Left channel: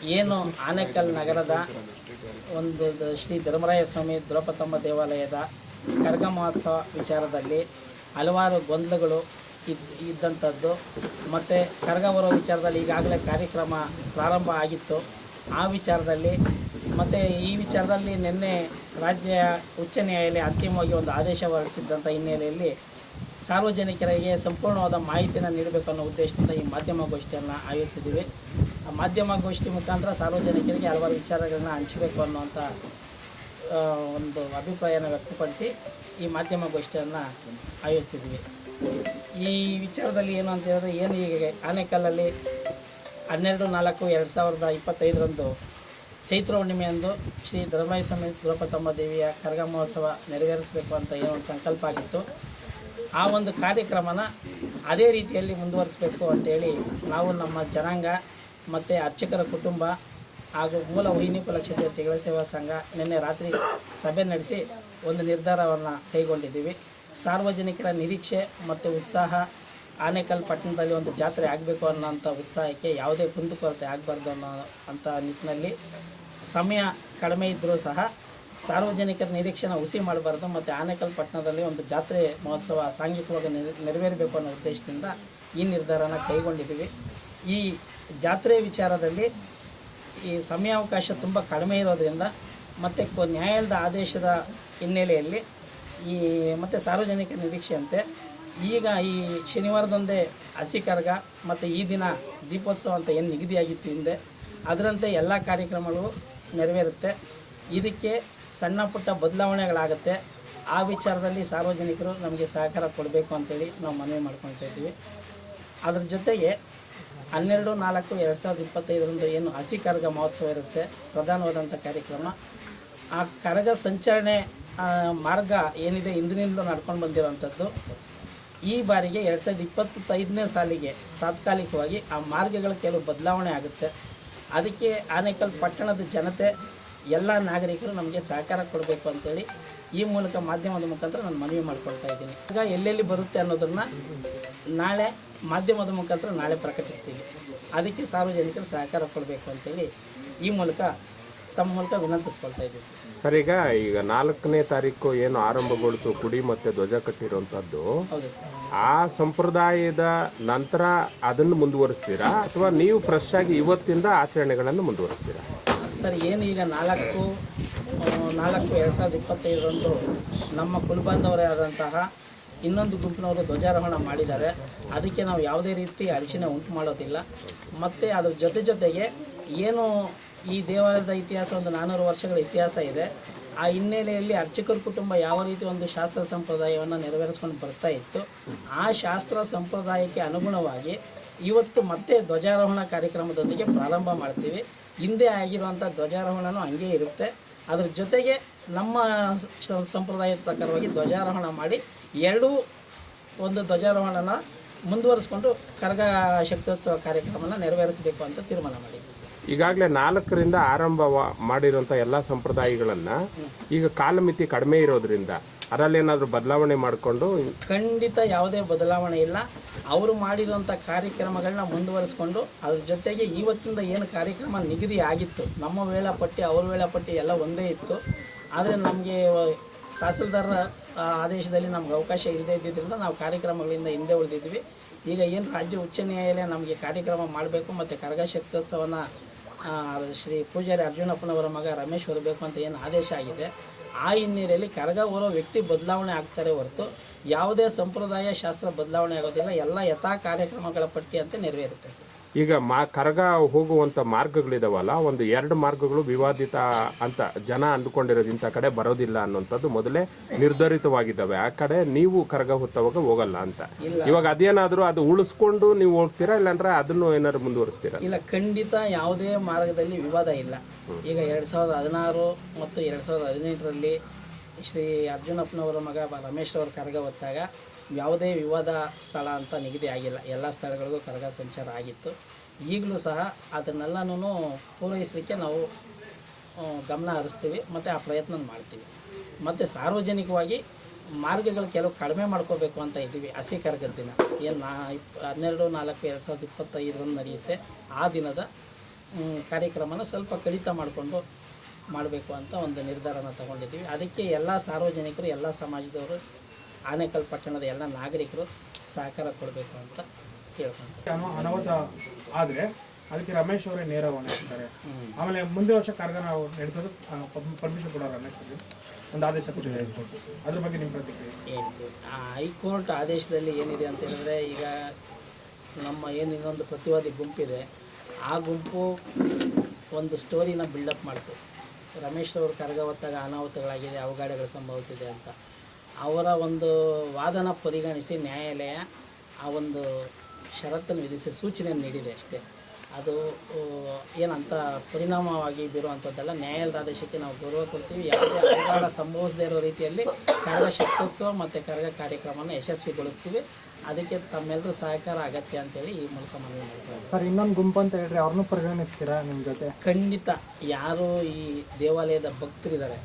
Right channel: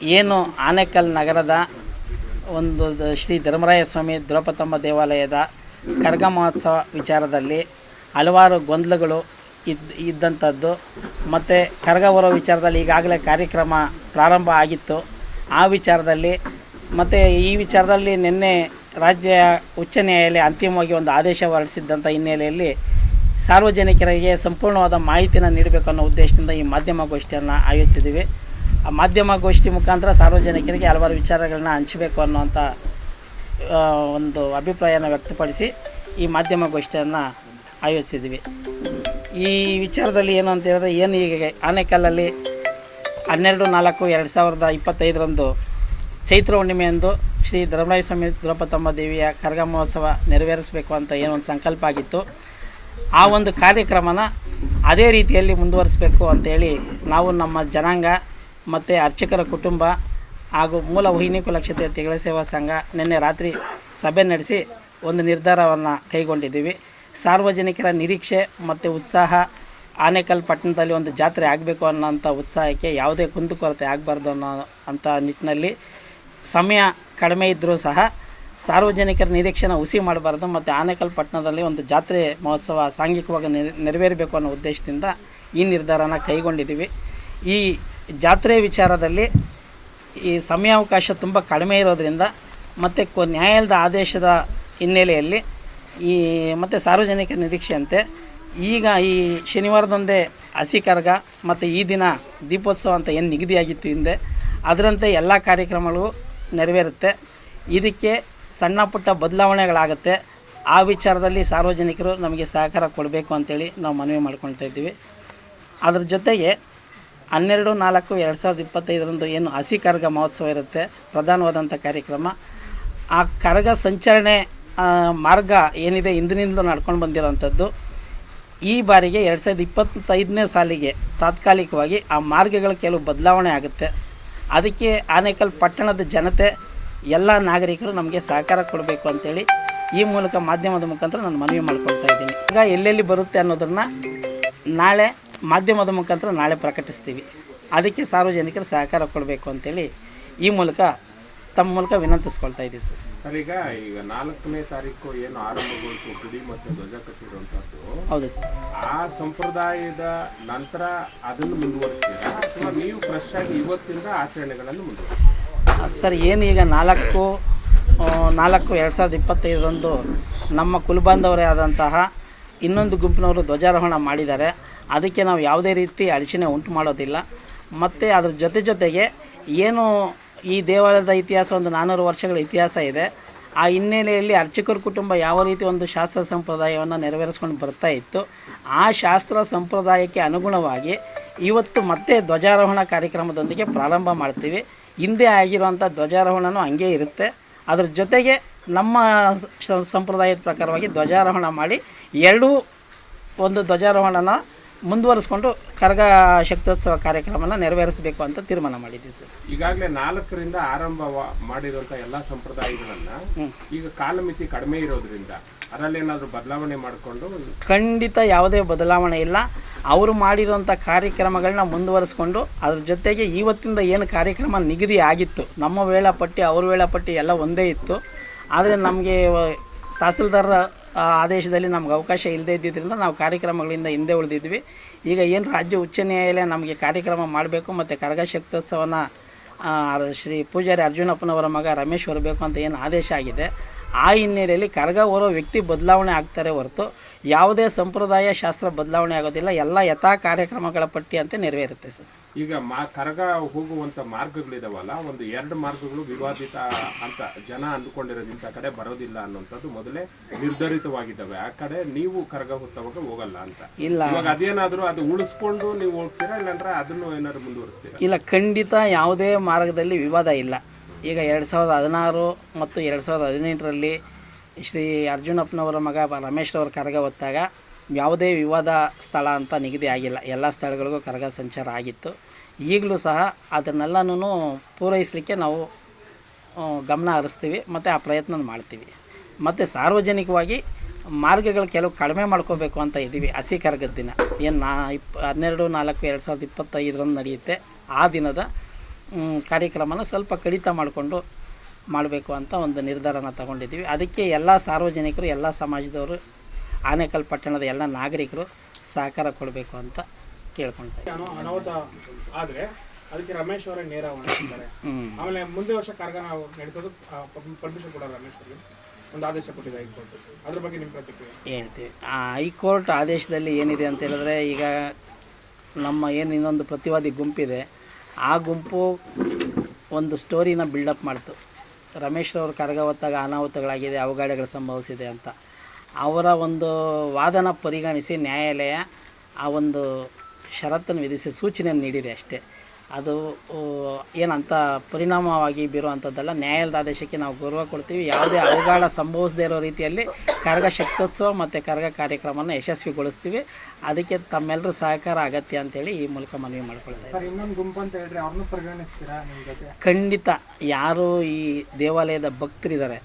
ಏನು ಆನೇಕಲ್ ನಗರದ ಒಂದು ಶ್ರೀ ಧರ್ಮರಾಯ ಸ್ವಾಮಿ ದ್ರೌಪತಮ್ಮ ದೇವಾಲಯದ ಕರ್ಗ ಮಹೋತ್ಸವ ವಿಚಾರದಲ್ಲಿ ಹಲವಾರು ಗೊಂದಲಗಳು ಇದ್, ಇದ್ದಂಥದ್ದು. ಮತ್ತು ಕರ್ಗ ಬರೋ ವಿಚಾರದಲ್ಲಿ ಈಗಾಗಲೇ ಕಾರ್ಯಕ್ರಮ ಪ್ರಾರಂಭ ಆಗಿತ್ತು. ಆ ವಿಚಾರದಲ್ಲಿ ಮತ್ತು ಈ ವಿಚಾರದಲ್ಲಿ ನಿನ್ನೆ ರಾಜ್ಯ ಉಚ್ಚ ನ್ಯಾಯಾಲಯ ಅಂತಿಮವಾಗಿ ಒಂದು ಆದೇಶ ಹೊರಡಿಸಿದ್ದಂಥ ಹಿನ್ನೆಲೆಯಲ್ಲಿ ಸಾರ್ವಜನಿಕರಿಗೆ ಸಂಪೂರ್ಣವಾದ ಮಾಹಿತಿಯನ್ನು ನೀಡಬೇಕು ಅನ್ನೋ ಉದ್ದೇಶದಿಂದ ಈ ಮಾಧ್ಯಮ ಗೋಷ್ಠಿಯನ್ನು ಆಯೋಜಿಸಿದ್ದೀವಿ. ಮಾಧ್ಯಮ ಗೋಷ್ಠಿ ಮುಖಾಂತರ ಸಾರ್ವಜನಿಕರಿಗೆ ಹಲವಾರು ವಿಚಾರಗಳನ್ನ ಹಂಚಬೇಕು ಅನ್ನುವಂಥ ಒಂದು ಅಭಿಪ್ರಾಯನ ವ್ಯಕ್ತಪಡಿಸಿ ಈ ಮಾಧ್ಯಮ ಗೋಷ್ಠಿಯನ್ನು ಆಯೋಜಿಸಿದ್ವಿ. ಈ ವಿಚಾರದಲ್ಲಿ ಏನು ಅಂತ ಹೇಳಿದ್ರೆ ಏನು ಈಗ ಆನೆಕಲ್ಲಲ್ಲಿ ಹನ್ನೆರಡು, ನಾಲ್ಕು, ಎರಡು ಸಾವಿರದ ಇಪ್ಪತ್ತೈದರಂದು ಚೈತ್ರ ಹುಣ್ಣಿಮೆಯಂದು ಶ್ರೀ ಧರ್ಮರಾಯ ಸ್ವಾಮಿ ದ್ರೌಪದಮ್ಮ ದೇವಿಯ ಕರಗ ಮಹೋತ್ಸವ ನೆರವೇರಿಸಬೇಕು ಅಂತ ಏನೋ ಒಂದು ಸಂಕಲ್ಪ ಆಗಿತ್ತು. ಆ ಒಂದು ಕಾರ್ಯಕ್ರಮನ ಅದೇ ರೀತಿಯಲ್ಲಿ ಮುಂದುವರಿಸಬೇಕು ಅಂತೇಳಿ ನಾವು ನಮ್ಮ ಜನಾಂಗ ಮತ್ತು ಅರ್ಚಕರ ಕುಟುಂಬ ಹಾಗೂ ಮೂಲ ವಾಹಿನಿ ಕುಲಕ್ಷೇತ್ರ ತೆಗಳ ಸೇವಾ ಸಂಘ ನಿನ್ನೆ ರಾತ್ರಿ ಸಭೆ ನಡೆಸಿ ಒಂದು ನಿರ್ಧಾರವನ್ನು ಕೈಗೊಂಡಿದ್ದೀವಿ. ಸಾರ್ವಜನಿಕರ ನಿರೀಕ್ಷೆ ಮತ್ತು ಉತ್ಸಾಹ ಆನೇಕಲ್ ಪಟ್ಟಣದಲ್ಲಿ ಒಂದು ಜಾತ್ರೆ ಆಗಬೇಕು ಅನ್ನೋಂಥ ಉತ್ಸಾಹಕ್ಕೆ ಯಾವುದೇ ಕುಂದುಕೊರತೆ ಆಗಬಾರ್ದು ಅನ್ನೋ ಅಂಥ ನಿಟ್ಟಿನಲ್ಲಿ ಸಮಯ ಕಡಿಮೆ ಇದ್ದರೂ ಸಹ ಸಾರ್ವಜನಿಕರ ನಿರೀಕ್ಷೆನ ಹುಸಿ ಮಾಡಬಾರ್ದು ಮತ್ತು ಆನೇಕಲ್ ಪಟ್ಟಣದಲ್ಲಿ ಒಂದು ಜಾತ್ರೆ ಮಹೋತ್ಸವ ಸಾಂಘಿಕವಾಗಿ ನೆರ, ನೆರವೇರಬೇಕು ಅನ್ನೋ ಉದ್ದೇಶದಿಂದ ಈ ನಿರ್ಧಾರನ ಕೈಗೊಂಡಿದ್ದೀವಿ. ಈ ಜಾತ್ರೆ ವಿಚಾರದಲ್ಲಿ ಈ ಸಮಯಾವಕಾಶ ತುಂಬ ಕಡಿಮೆ ಇರೋದರಿಂದ ಮತ್ತು ಕೊ ನ್ಯಾಯಾಲಯದ ಆದೇಶದ ಹಿನ್ನೆಲೆಯಲ್ಲಿ ಈ ಮತ್ತು ಸಾರ್ವಜನಿಕ ನಿರೀಕ್ಷೆಯಂತೆ ಈಗ ಈ ಶನಿವಾರದಂದೇ ಹಸಿ ಕರ್ಗ ಮತ್ತು ಈ ದಿನ ದೀಪೋತ್ಸವ ಅಂತ ಏನು ನಿಗದಿಯಾಗಿತ್ತು ಹಿಂದೆ, ಅದರಂತೆ ಎಲ್ಲ ಕಾರ್ಯಕ್ರಮಗಳು ನೆರವೇರುತ್ತೆ. ಇದಕ್ಕೆ ಸಣ್ಣ ಪುಟ್ಟ ಬದಲಾವಣೆಗಳಾಗುತ್ತೆ. ಆ ವಿಚಾರದಲ್ಲಿ ಸಾರ್ವಜನಿಕರು ನಮಗೆ ಸಹಕಾರ ಕೊಡಬೇಕು ಅಂತೇಳಿ ನಾವು ಮನವಿ ಮಾಡ್ಕೊಳ್ತಾ ಇದ್ದೀವಿ. ಅದ್ರ ಜೊತೆಗೆ ಹನ್ನೆರಡು, ನಾಲ್ಕು, ಎರಡು ಸಾವಿರದ ಇಪ್ಪತ್ತೈದರಂದು ಏನು ಹಸಿ ಕರಗ ಮಹೋತ್ಸವ ಇರುತ್ತೆ ಪ್ರಧಾನವಾದಂಥ ಕಾರ್ಯಕ್ರಮ. ಆ ಕರಗ ಸಂಚರಣೆ ಮಾರ್ಗ ಏನಿದೆ ಹಿಂದಿನಿಂದಲೂ ನಡ್ಕೊಂಡು ಬಂದಿರೋವಂಥದ್ದು. ಈ ಬಾರಿಗೆ ಎರಡು ಸಾವಿರದ ಇಪ್ಪತ್ತೈದನೇ ಸಾಲಿಗೆ ತಾತ್ಕಾಲಿಕವಾಗಿ ಆ ಮಾರ್ಗಗಳ ಕೆಲವು ಬದಲಾವಣೆ ಆಗುತ್ತೆ. ಅದಕ್ಕೆ ಆನೇಕಲ್ ಪಟ್ಟಣದ ಜನತೆ, ಎಲ್ಲ ನಾಗರಿಕರು ನಮಗೆ ಸಹಕಾರ ಕೊಡಬೇಕು ಅಂತೇಳಿ ಈ ಮೂಲಕ ಮಾಧ್ಯಮದ ಮುಖಾಂತರ ನಾನು ಮನವಿ ಮಾಡ್ಕೊಳ್ತಾ ಇದ್ದೀನಿ. ಈಗ ಎಲ್ಲೆಲ್ಲಿ ಬರುತ್ತೆ ಅನ್ನೋದನ್ನು ನಾಳೆ ಮಾಧ್ಯಮದ ಮುಖಾಂತರ ನಾಳೆ ಪ್ರಕಟಿಸ್ತೀವಿ. ಅದಕ್ಕೆ ಸಾರ್ವಜನಿಕರು ಸಹಕಾರ ಕೊಡಬೇಕು ಅಂತೇಳಿ ಈ ಮೂಲಕ ತಮ್ಮ ಮೂಲಕ ವಿನಂತಿಸ್ಕೊಳ್ತಾ ಇದ್ದೀವಿ ಸರ್. ಸರ್ ಈಗ ಈಗ ನಾಲ್ಕನೇ ತಾರೀಕು ಏನು ಆರಂಭಗೊಳ್ತು ಗುಡಿ ಮತ್ತೆ ಧ್ವಜ ಕಟ್ಟಿರುವಂತದ್ದು ಹೌದು ಸರ್. ಆ ಸಂಪ್ರದಾಯದ ನಂತರ ಅದನ್ನು ಮುಂದುವರಿಸ್ತೀರಾ? ಅಥವಾ ನೀವು ಫ್ರೆಶ್ ಆಗಿ ಇವತ್ತಿಂದ ಆಚರಣೆಗಳನ್ನು ಮುಂದುವರಿಸ್ತೀರಾ? ಸರ್ ಏನು ಈಗ ನಾಲ್ಕು ನಾಲ್ಕು ಎರಡು ಸಾವಿರದ ಇಪ್ಪತ್ತೈದರಂದು ನಮ್ಮ ಕುಲಬಾಂಧವರೇ ಆದಂತಹ ಇನ್ನೊಂದು ಗುಂಪಿನವರು ಧ್ವಜಾರೋಹಣ ಮಾಡಿದ್ದಾರೆ. ಅದಕ್ಕೆ ನಾವು ಯಾವುದೇ ರೀತಿ ಅಡಚಣೆ ಉಂಟು ಮಾಡೋದಿಲ್ಲ. ಮತ್ತು ಅದ್ರ ಜೊತೆ ಜೊತೆಗೆ ಏನು ಈ ದೇವಾಲಯದ ಇತಿಹಾಸ ಒಂದು ನಾನ್ನೂರು ವರ್ಷಗಳ ಇತಿಹಾಸ ಇದೆ. ಆ ಹಿನ್ನೆಲೆಯಲ್ಲಿ ಅರ್ಚಕರ ಕುಟುಂಬ ಯಾವ ರೀತಿ ಒಂದು ಶಾಸ್ತ್ರ ಸಂಪ್ರದಾಯವನ್ನು ನೆರವೇರಿಸ್ಕೊಂಡು ಬರ್ತಾ ಇತ್ತು, ಆ ಶಾಸ್ತ್ರ ಸಂಪ್ರದಾಯಕ್ಕೆ ಅನುಗುಣವಾಗಿ ಇವತ್ತು ಮತ್ತೆ ಧ್ವಜಾರೋಹಣ ಕಾರ್ಯಕ್ರಮದೊಂದಿಗೆ ಪ್ರಾರಂಭ ಮಾಡ್ತೀವಿ. ಹಿಂದೆ ಆಗಿರುವಂಥ ಧ್ವಜಾರೋಹಣನೂ ಹಂಗೆ ಇರುತ್ತೆ. ಅದ್ರ ಜೊತೆಗೆ ನಮ್ಮ ಸಂಪ್ರದಾಯದ ಪ್ರಕಾರವಾಗಿ ಧ್ವಜಾರೋಹಣ ಮಾಡಿ ಎರಡೂ ಒಂದು ಧ್ವಜಾರೋಹಣನ ಮುಂದುವರಿಸ್ಕೊಂಡು ಕರಗ ಶಕ್ತೋತ್ಸವ ಕಾರ್ಯಕ್ರಮನ ನೆರವೇರಿಸಬೇಕು ಅಂತ ತೀರ್ಮಾನ ಮಾಡಿದ್ದೀವಿ ಸರ್. ಈಗಾಗಲೇ ನಾಲ್ಕರಿಂದ ಆರಂಭ ಮಾಡಿರುವಂಥ ಎಲ್ಲಾ ಸಂಪ್ರದಾಯಗಳನ್ನ ಈಗ ಕಾಲಮಿತಿ ಕಡಿಮೆ ಇರೋದ್ರಿಂದ ಅದರಲ್ಲಿ ಏನಾದ್ರು ಬದಲಾವಣೆ ಮಾಡಿಕೊಂಡು ಖಂಡಿತ ಯಾವುದೇ ಬದಲಾವಣೆ ಇಲ್ಲ. ಅವರು ಮಾಡಿರುವಂಥ ಕಾರ್ಯಕ್ರಮಗಳನ್ನ ಮುಂದುವರಿಸ್ಕೊಂಡು ಅದ್ರ ಜೊತೆಗೆ ಇವತ್ತಿಂದ ಏನು ಕಾರ್ಯಕ್ರಮ ನಿಗದಿ ಆಗಿತ್ತು ನಮ್ಮ ವೇಳಾಪಟ್ಟಿ ಅವ್ರ ವೇಳಾಪಟ್ಟಿ ಎಲ್ಲ ಒಂದೇ ಇತ್ತು. ಆದರೆ ನಮಗೆ ತಹಸೀಲ್ದಾರ್ ಆದೇಶದಲ್ಲಿ ನಮ್ಗೆ ಅವಕಾಶ ಇಲ್ಲದೆ ಇದ್ದಿದ್ದರಿಂದ ನಾವು ಕಾರ್ಯಕ್ರಮಗಳಿಂದ ಹಿಂದೆ ಉಳಿದಿದ್ವಿ. ಈಗ ಏನು ರಾಜ್ಯ ಉಚ್ಚ ನ್ಯಾಯಾಲಯ ನಮಗೆ ಕಾರ್ಯಕ್ರಮ ಮಾಡಬೇಕು ಮತ್ತು ಕರಗ ಶಕ್ತೋತ್ಸವನ ಶ್ರೀ ಪೂಜಾರಿ ಅರ್ಜುನಪ್ಪನವರ ಮಗ ರಮೇಶ್ ಬರಬೇಕು ಅಂತ ಏನು ಆದೇಶ ಆಗಿದೆ ಆ ಹಿನ್ನೆಲೆಯಲ್ಲಿ ಕರಗ ಓರೋ ವ್ಯಕ್ತಿ ಬದಲಾವಣೆ ಆಗ್ತಾರೆ ಹೊರತು ಯಾವುದೇ ಸಂಪ್ರದಾಯ ಶಾಸ್ತ್ರ ಬದಲಾವಣೆ ಆಗೋದಿಲ್ಲ. ಎಲ್ಲ ಯಥಾ ಕಾರ್ಯಕ್ರಮಗಳ ಪಟ್ಟಿ ಅಂತ ನೆರವೇರುತ್ತೆ ಸರ್. ಈಗ ಮಾ ಕರಗ ಹೋಗುವಂಥ ಮಾರ್ಗಗಳಿದಾವಲ್ಲ ಒಂದು ಎರಡು ಮಾರ್ಗಗಳು ವಿವಾದಿತ ಅಂತ ಜನ ಅಂದುಕೊಂಡಿರೋದು ಇಂಥ ಕಡೆ ಬರೋದಿಲ್ಲ ಅನ್ನೋಂಥದ್ದು ಮೊದಲೇ ನಿರ್ಧರಿತವಾಗಿದ್ದಾವೆ. ಆ ಕಡೆ ನೀವು ಕರಗ ಹೊತ್ತವಾಗ ಹೋಗಲ್ಲ ಅಂತ. ಇಲ್ಲ. ಇವಾಗ ಅದೇನಾದರೂ ಅದು ಉಳಿಸ್ಕೊಂಡು ನೀವು ಹೋಗ್ತೀರಾ ಇಲ್ಲಾಂದ್ರೆ ಅದನ್ನು ಏನಾದ್ರು ಮುಂದುವರಿಸ್ತೀರಾ? ಇಲ್ಲ ಖಂಡಿತ ಯಾವುದೇ ಮಾರ್ಗದಲ್ಲಿ ವಿವಾದ ಇಲ್ಲ. ಈಗ ಎರಡು ಸಾವಿರದ ಹದಿನಾರು ಮತ್ತು ಎರಡು ಸಾವಿರದ ಹದಿನೆಂಟರಲ್ಲಿ ಶ್ರೀ ಅರ್ಜುನಪ್ಪನವರ ಮಗ ಬ- ರಮೇಶ್ ರವರ ಕರಗ ಹೊತ್ತಾಗ ಯಾವುದೇ ವಿವಾದ ಸ್ಥಳ ಅಂತ ನಿಗದಿ ಆಗಿಲ್ಲ. ಎಲ್ಲ ಸ್ಥಳಗಳಿಗೂ ಕರಗ ಸಂಚಾರ ಆಗಿತ್ತು. ಈಗಲೂ ಸಹ ಅದನ್ನೆಲ್ಲನೂ ಪೂರೈಸಲಿಕ್ಕೆ ನಾವು ಗಮನ ಹರಿಸ್ತೀವಿ ಮತ್ತು ಆ ಪ್ರಯತ್ನ ಮಾಡ್ತೀವಿ. ಮತ್ತು ಸಾರ್ವಜನಿಕವಾಗಿ ಮಾರ್ಗಗಳು ಕೆಲವು ಕಡಿಮೆ ಮಾಡ್ಕೋಬೇಕು ಅಂತ ಇದ್ದೀವಿ. ಹಸಿ ಕರಗದ ದಿನ. ಏನು ನಾ ಇಪ್ ಹನ್ನೆರಡು ನಾಲ್ಕು ಎರಡು ಸಾವಿರದ ಇಪ್ಪತ್ತೈದರಂದು ನಡೆಯುತ್ತೆ. ಆ ದಿನದ ಕಾರ್ಯಕ್ರಮನ ಸ್ವಲ್ಪ ಕಡಿತ ಮಾಡಿಕೊಂಡು ಮಾಡಬೇಕು ಅಂತ ಒಂದು ನಿರ್ಧಾರನ ತಗೊಂಡಿದ್ದೀವಿ. ಅದಕ್ಕೆ ಎಲ್ಲ ಸಾರ್ವಜನಿಕರು ಎಲ್ಲ ಸಮಾಜದವರು ಆನೇಕಲ್ ಪಟ್ಟಣದ ಎಲ್ಲ ನಾಗರಿಕರು ಸಹಕಾರ ಕೊಡಬೇಕು ಅಂತ ಕೇಳ್ಕೊಳ್ತಾರೆ ಅನ- ಅನಾಹುತ ಆದ್ರೆ ಅದಕ್ಕೆ ರಮೇಶ್ ಅವರೇ ನೇರ ಆಮೇಲೆ ಮುಂದೆ ವರ್ಷ ಕಾರ್ಯಕ್ರಮ ನಡೆಸೋದು ಪರ್ಮಿಷನ್ ಕೊಡೋ ರಮೇಶ್ ಒಂದು ಆದೇಶ ಕೊಟ್ಟಿದ್ದಾರೆ ಹೈಕೋರ್ಟ್. ಅದ್ರ ಬಗ್ಗೆ ನಿಮ್ಮ ಪ್ರತಿಕ್ರಿಯೆ? ಹೇಳ್ತೀವಿ. ಹೈಕೋರ್ಟ್ ಆದೇಶದಲ್ಲಿ ಏನಿದೆ ಅಂತ ಹೇಳಿದ್ರೆ ಈಗ ನಮ್ಮ ಏನು ಇನ್ನೊಂದು ಪ್ರತಿವಾದಿ ಗುಂಪಿದೆ ಆ ಗುಂಪು ಒಂದು ಸ್ಟೋರಿನ ಬಿಲ್ಡಪ್ ಮಾಡ್ತು. ರಮೇಶ್ ಕರಗ ಹೊತ್ತಾಗ ಅನಾಹುತಗಳಾಗಿದೆ, ಅವಘಡಗಳು ಸಂಭವಿಸಿದೆ ಅಂತ. ಅವರ ಒಂದು ವಾದನ ಪರಿಗಣಿಸಿ ನ್ಯಾಯಾಲಯ ಆ ಒಂದು ಷರತ್ತನ್ನು ವಿಧಿಸಿ ಸೂಚನೆ ನೀಡಿದೆ ಅಷ್ಟೇ. ಅದು ಏನಂತ ಪರಿಣಾಮವಾಗಿ ಬೀರುವಂಥದ್ದಲ್ಲ. ನ್ಯಾಯಾಲಯದ ಆದೇಶಕ್ಕೆ ನಾವು ಗೌರವ ಕೊಡ್ತೀವಿ. ಯಾವುದೇ ಅವಘಡ ಸಂಭವಿಸದೇ ಇರೋ ರೀತಿಯಲ್ಲಿ ಕರಗ ಶಕ್ತೋತ್ಸವ ಮತ್ತು ಕರಗ ಕಾರ್ಯಕ್ರಮನ ಯಶಸ್ವಿಗೊಳಿಸ್ತೀವಿ. ಅದಕ್ಕೆ ತಮ್ಮೆಲ್ಲರ ಸಹಕಾರ ಅಗತ್ಯ ಅಂತೇಳಿ ಈ ಮೂಲಕ ಮನವಿ ಮಾಡ್ಕೊಳ್ತೀವಿ. ಸರ್ ಇನ್ನೊಂದು ಗುಂಪು ಅಂತ ಹೇಳ್ರಿ ಅವ್ರನ್ನೂ ಪರಿಗಣಿಸ್ತೀರಾ ನಿಮ್ಮ ಜೊತೆ? ಖಂಡಿತ. ಯಾರು ಈ ದೇವಾಲಯದ ಭಕ್ತರಿದ್ದಾರೆ?